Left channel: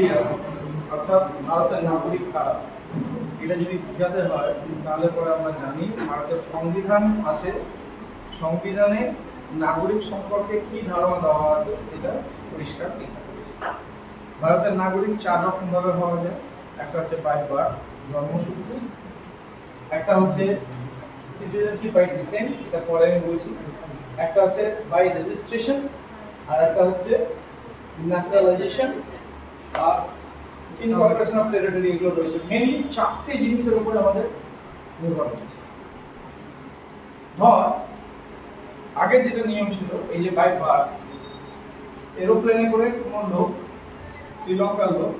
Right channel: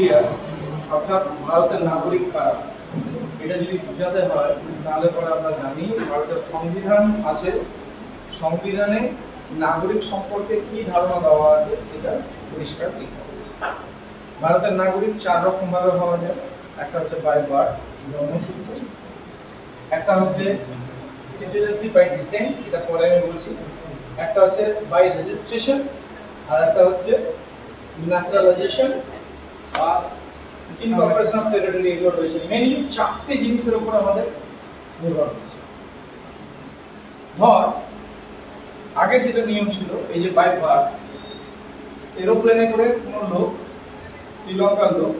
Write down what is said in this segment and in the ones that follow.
India অর্থাৎ ভারতের নাগরিক কারা, এটা যদি বোঝাতে হয় তাহলে পরে আমরা জানি ভারতের সংবিধান আছে, সংবিধানে নাগরিক সম্পর্কে কি ধারণা দেওয়া আছে সেটা পরিষ্কার লেখা রয়েছে। ভারতের নাগরিক 4 রকম ভাবে হওয়া যায়। একটা হচ্ছে বাই বার্থ, জন্মসূত্র, একটা হচ্ছে সিটিজেনশিপ বাই ডিসেন্ট, এটা পরে আমি বলছি, একটা হচ্ছে বাই রেজিস্ট্রেশন, আর একটা হচ্ছে ন্যাচারালাইজেশন আর ইনকর্পোরেশন অফ টেরিটরি। এগুলো রয়েছে মেইনলি 4টে জিনিসের উপর আমাদের নির্ভর করছে। ধর আগে যেটা নিয়ম ছিল এই যে বাই বার্থ, এরোপ্লেনে করে কোনো লোক, শ্রীলঙ্কার লোক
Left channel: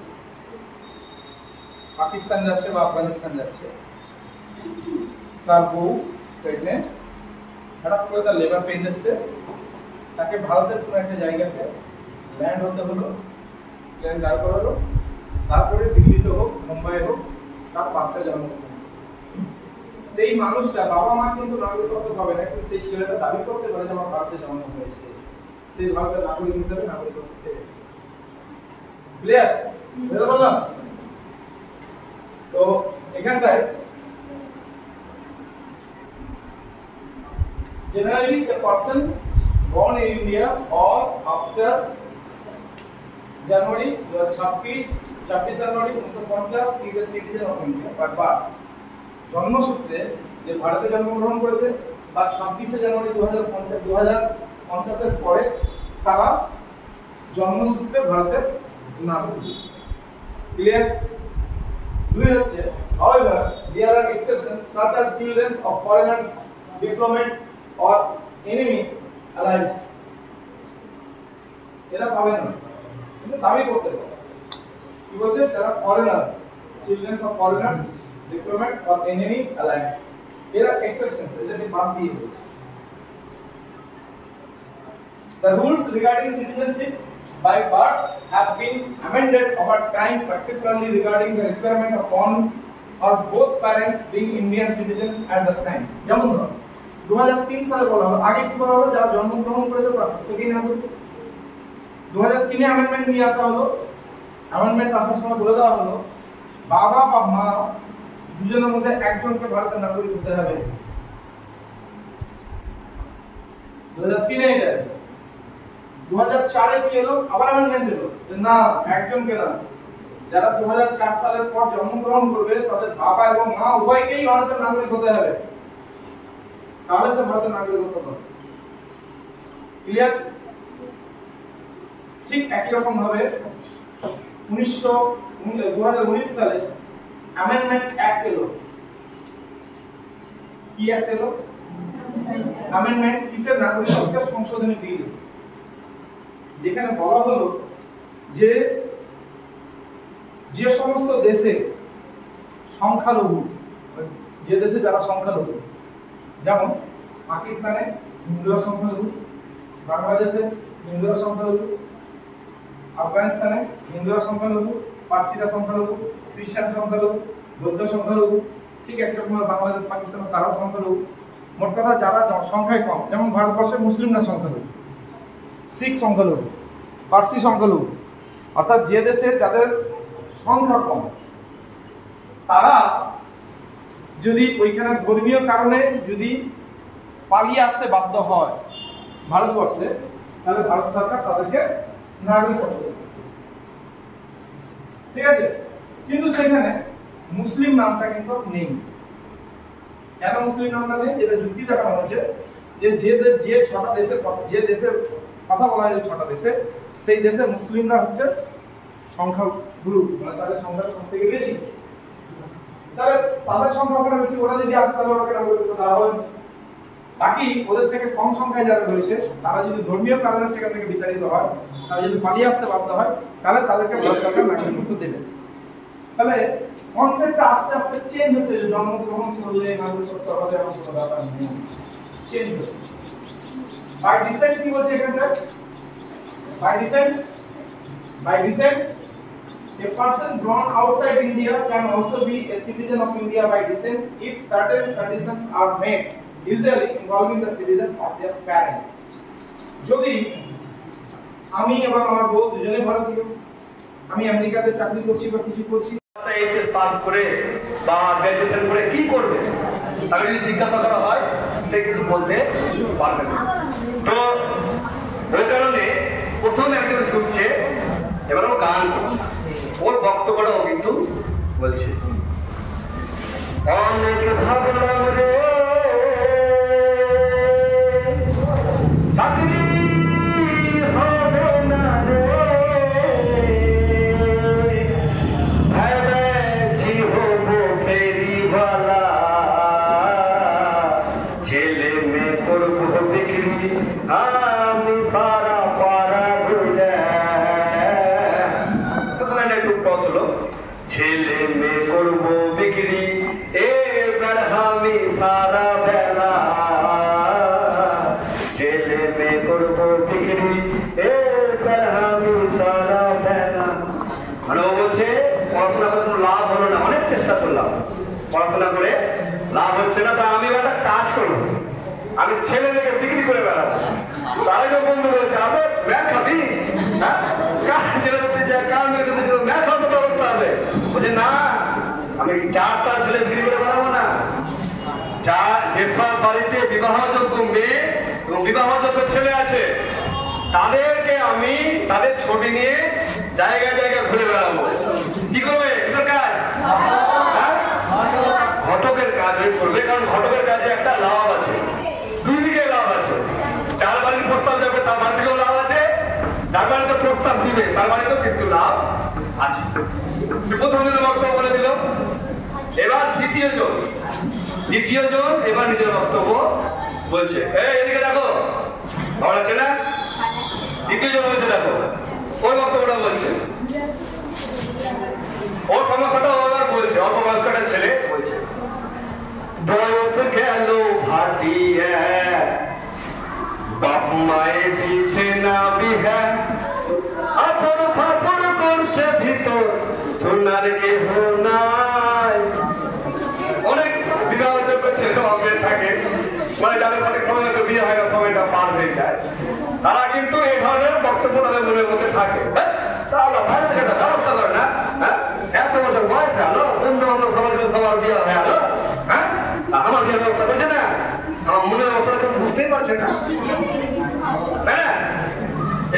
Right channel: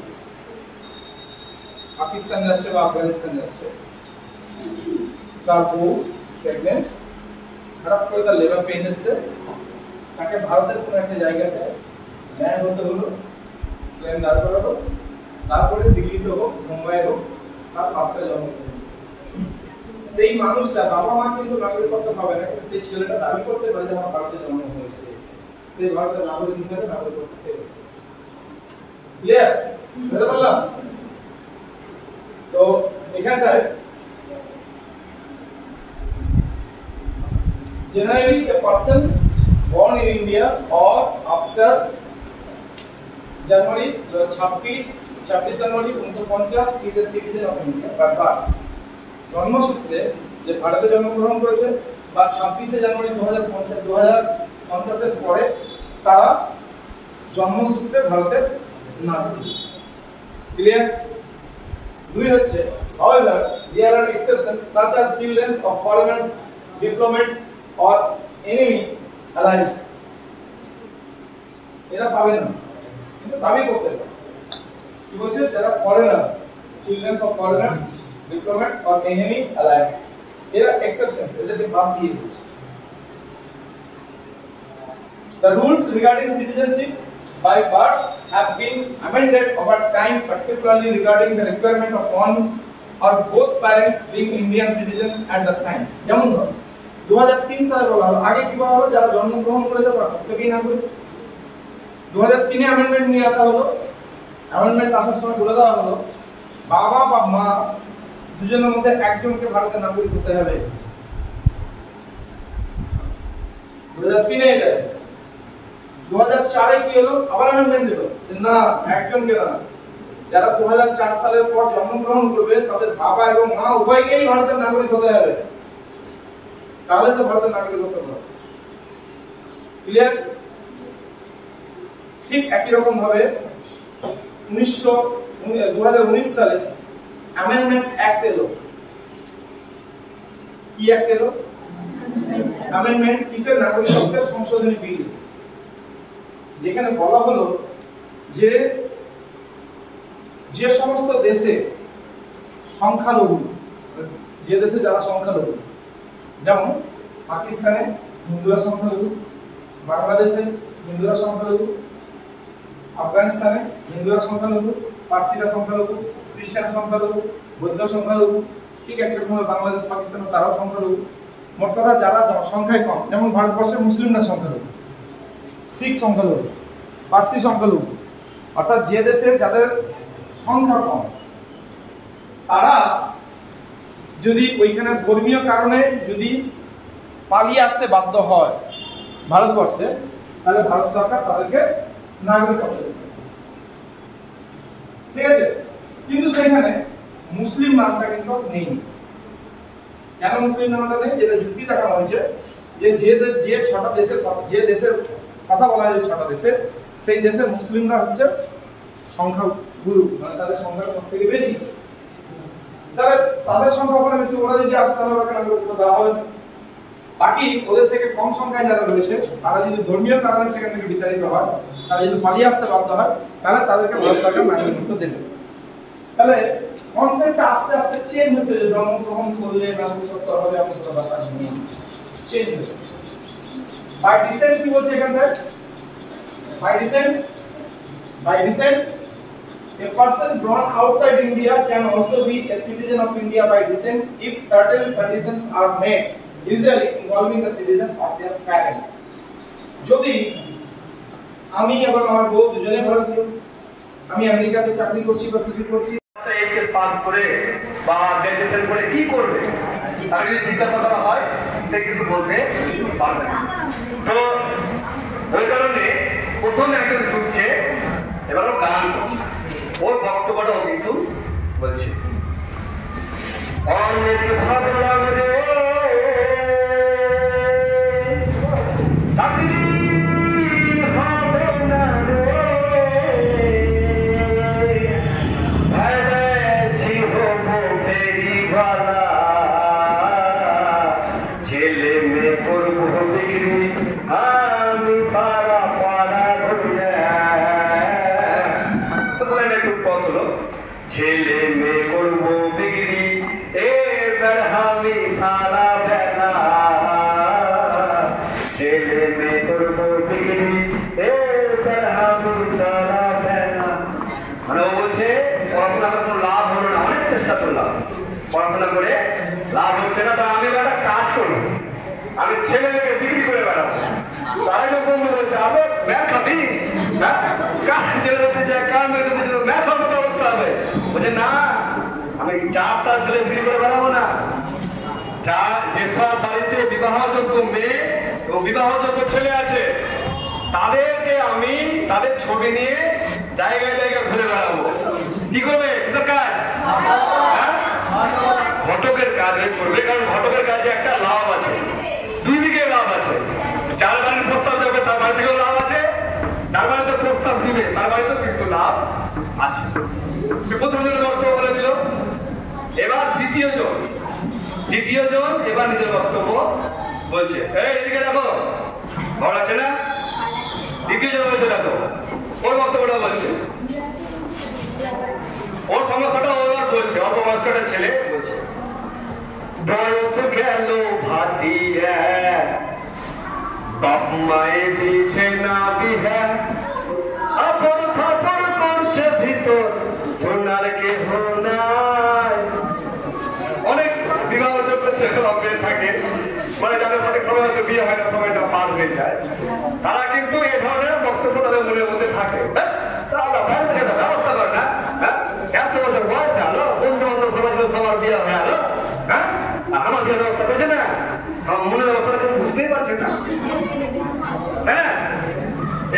পাকিস্তান যাচ্ছে বা আফগানিস্তান যাচ্ছে, তার বউ প্রেগনেন্ট, হঠাৎ করে তার লেবার পেইন এসছে, তাকে ভারতের কোনো একটা জায়গাতে ল্যান্ড হতে হলো, প্লেন দাঁড় করালো, তারপরে দিল্লিতে হোক মুম্বাই হোক তার বাচ্চা জন্ম হলো। সেই মানুষটা বাবা মা কিন্তু নাগরিকত্ব পাবে না, কিন্তু সেই ছেলেটা দাবি করতে পারে যে আমার ভারতে জন্ম হয়েছে, সেই ভারতের নাগরিক হিসেবে নাগরিকত্ব পেয়ে। ক্লিয়ার? বুঝতে পারলাম? তো এখানটায় generally a person born in India or after January 26 January 1950 is a citizen of India by birth. জন্মসূত্রে যে ভারতে জন্মগ্রহণ করেছে বা 26 জানুয়ারি 2050 এর পরে তারা জন্মসূত্রে ভারতের নাগরিক। ক্লিয়ার? দুই হচ্ছে however there are exceptions such as children of foreigners, diplomat or enemy allies. এরা পাবে না কিন্তু দাবি করতে পারে। কি বলছে? যারা foreigners, children of foreigners, diplomats or enemy allies, এরা exceptions, এদেরকে বাদ দিয়ে বলছে। The rules regarding citizenship by birth have been amended over time, particularly regarding the requirement of one or both parents being Indian citizen at the time. যেমন 2003 সালে বলা হলো, আগে কি বলা হলো, যারা জন্মগ্রহণ করেছে তারা প্রত্যেকেই নাগরিক। 2003 অ্যামেন্ডমেন্ট নিয়ে আসা হলো, অ্যামেন্ডমেন্ট আসার সময় বলে দেওয়া হলো বাবা বা মা দুজনের মধ্যে একজনকে ভারতের নাগরিক হতে হবে। 2003 এটা। 2004 কি হলো, আবার অ্যামেন্ডমেন্ট দিল যে না, একজনকে না, যারা 2004 সালের পর জন্মগ্রহণ করবে তাদের বাবা এবং মা উভয়কেই ভারতের নাগরিক হতে হবে, তাহলে সে ভারতের নাগরিক হতে পারে। ক্লিয়ার? ঠিক একই রকম ভাবে 2019 সালে অ্যামেন্ডমেন্ট অ্যাক্ট এলো। কি অ্যাক্ট এলো? অ্যামেন্ডমেন্ট কিসের? নাগরিকত্বের সংশোধনী বিল, যেখানে বলা হলো যে যে সমস্ত দেশে সংখ্যালঘু, যে দেশে যারা সংখ্যালঘু, যেমন পাকিস্তানে হিন্দুরা সংখ্যালঘু, বাংলাদেশে হিন্দুরা সংখ্যালঘু, আফগানিস্তানে হিন্দুরা সংখ্যালঘু, পার্সিরা সংখ্যালঘু, খ্রিস্টান সংখ্যালঘু, বৌদ্ধ সংখ্যালঘু, ঠিক একরকম বাংলাদেশ পাকিস্তান তারাও সংখ্যালঘু। মোট কথা যারা সংখ্যায় কম, যেমন ভারতবর্ষে মুসলিমরা সংখ্যালঘু, শিখ সংখ্যালঘু, পার্সি সংখ্যালঘু, অর্থাৎ যে দেশে যাদের সংখ্যা কম তারা যদি ওইখানে ধর্মীয় কারণে যদি পালিয়ে আসতে বাধ্য হয় ভারতবর্ষে, তাহলে ভারত সরকার তাদেরকে নাগরিকত্ব দেবে। ঠিক আছে? কিন্তু সেখানে মুসলিম নামটা কিন্তু নেই। কেন মুসলিম নামটা নেই? যেটা যুক্তি দেখানো হয়েছে যে যে 6টা দেশের যে দেশের কথা বলা হয়, 6টা দেশে, সেই দেশের মুসলিমরা হচ্ছে সংখ্যাগুরু, মানে তাদের সংখ্যাটা সব থেকে বেশি। তাহলে তাদের সংখ্যা ওখানে বেশি, ওরা যদি আসে তাহলে ওরা নাগরিকত্ব দেওয়া হবে। বাকি ওদের থেকে কম সংখ্যায় যারা রয়েছে তারা যদি ধর্মীয় কারণে সেখান থেকে বিতাড়িত হয়, তারা যদি পালিয়ে আসতে বাধ্য হয়, তাহলে তাদেরকে ভারত সরকার নাগরিকত্ব দেবে। তাহলে কনসেপ্টটা আস্তে আস্তে চেঞ্জ হচ্ছে, যে জন্মগ্রহণ করলে নাগরিকত্ব হবে এমন কোনো ব্যাপার নেই, চেঞ্জ হচ্ছে। বাই ডিসেন্ট কি বলছে এখানটা? By descent a person born outside India can also be a citizen of India by descent if certain conditions are met, usually involving the citizen of their parents. যদি আমি এবং আমার বউ দুজনে ভারতীয়, আমি আমেরিকাতে চাকরি করছি বা কিছু করছি, এইচএস পাস করে বা গ্র্যাজুয়েশন করে কি করবে, তাকে যদি জিজ্ঞাসা করা হয় সে কিন্তু বলতে পারবে না। তো ওই কারণে প্রথমে একজন ঢুকছে, এবার ও গান করছে, ওর বক্তব্যটাও কিন্তু বলছে অনেক ভাবলাম রে চাকরি হবে না রে, ভেবেছি হব ফেরিওয়ালা, ছেলে মেয়ে করবো বিক্রি আমি সারা পাড়া ঘুরে। একটু পজ হলো, ছেলে মেয়ে করবো বিক্রি এবার আমি সারা বেলা, ছেলে মেয়ে করবো বিক্রি এবার আমি সারা বেলা। মানে ও বলছে পড়াশোনা করে কোনো লাভ হলো না, অনেক চেষ্টা করলাম, পড়াশোনা করে লাভ হচ্ছে না, তা আমি একটা কাজ করবো, আমি ছেলে মেয়েকে বিক্রি করে বেড়াবো। তারা যে বন্ধু বলছে আরে ব্যাগ খাবি, হ্যাঁ কার ছেলে দিতে যায়, কার মেয়েকে দিতে যায়, ব্যাগ খাওয়ার অবস্থা হবে। বলছে না আমি চারটা ছেলে বিক্রি করে বেড়াবো না, যার যেসব বাড়িতে বিবাহযোগ্য মেয়ে এবং বিবাহযোগ্য ছেলে আছে তাদেরকে আমি তাদের ছবি নিয়ে জায়গায় জায়গায় ঘুরে বেড়াবো। কি করবে কিসের কাজ? ঘটকের কাজ করবে, কারণ ঘটকের কাজে একটা লাভ আছে, দুই দিকে লাভ আছে, যার বাড়ির প্রস্তাব যাবে তার বাড়ি থেকেও লাভ আছে, যার বাড়িতে প্রস্তাব দিবে তার বাড়িতেও কিন্তু লাভ আছে। প্রথম দিনের বক্তব্য বলে দিল। এবার দ্বিতীয় জন এবার নিজের বক্তব্য বলছে, এই এদিকে দেখো, ভালো আছে না? দ্বিতীয় জন বলছে দেখো, ওর বক্তব্যটা বলছে, ওর সমস্যাটা এবার বলছে, অল্প বয়স্ক একটা ছেলে বলছে বয়স গেল ভাটিয়া বাপ মায়ে দিচ্ছে না বিহা, আপর খবর করছে ভিতর সোনার কেহ নাই। অনেক বিবাহযোগ্য ছেলে অজ্ঞান থাকে, মানে যাদের সঠিক সময় হয়তো বিয়ে হয় না, সময়টা পার হয়ে যায়, তারা কিন্তু এই ধরনের বক্তব্য তাদের মনের মধ্যে থাকে। ব্যবস্থা করে না, এত বছর বয়সে আলো বন্ধু বান্ধব সমাজের সবার বিয়ে হয়ে আলো, হ্যাঁ আমার বিয়ের ব্যবস্থা করছে না, আমার মনের ব্যবস্থা বুঝতেই পারছে না, তাই না?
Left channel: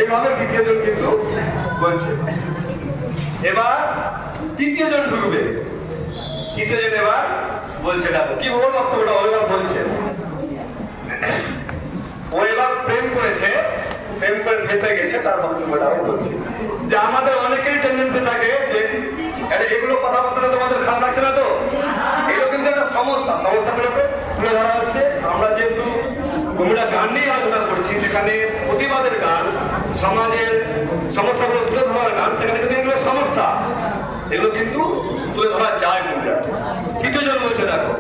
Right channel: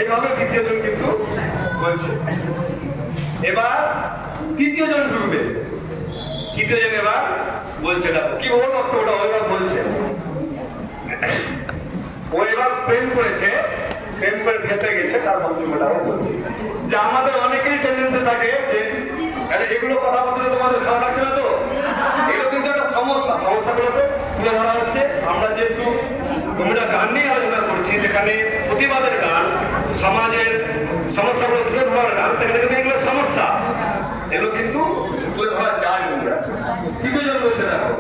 এইভাবে দ্বিতীয় জন কিন্তু বলছে। এবার তৃতীয় জন ঢুকবে, তৃতীয় জন এবার বলছে দেখো কি ওর বক্তব্যটা ওইবার বলছে, ও এবার প্রেম করেছে, প্রেম করে ফেসে গেছে, তার বক্তব্যটাও বলছে যে আমাদের অনেকেই টেন্ডেন্সি থাকে যে এগুলো কথা বলতে তোমাদের খারাপ লাগছে না তো, এগুলো কিন্তু একটা সমস্যাগুলোকে তুলে ধরা হচ্ছে। আমরা যেহেতু আমরা গান নিয়ে আলোচনা করছি, যেখানে প্রতিবাদের গান, সমাজের সমস্যাগুলো তুলে ধরার গান, সেখানে কিন্তু এগুলো সমস্যা, এগুলো কিন্তু তুলে ধরা যায়। তৃতীয় জন বলছে দেখো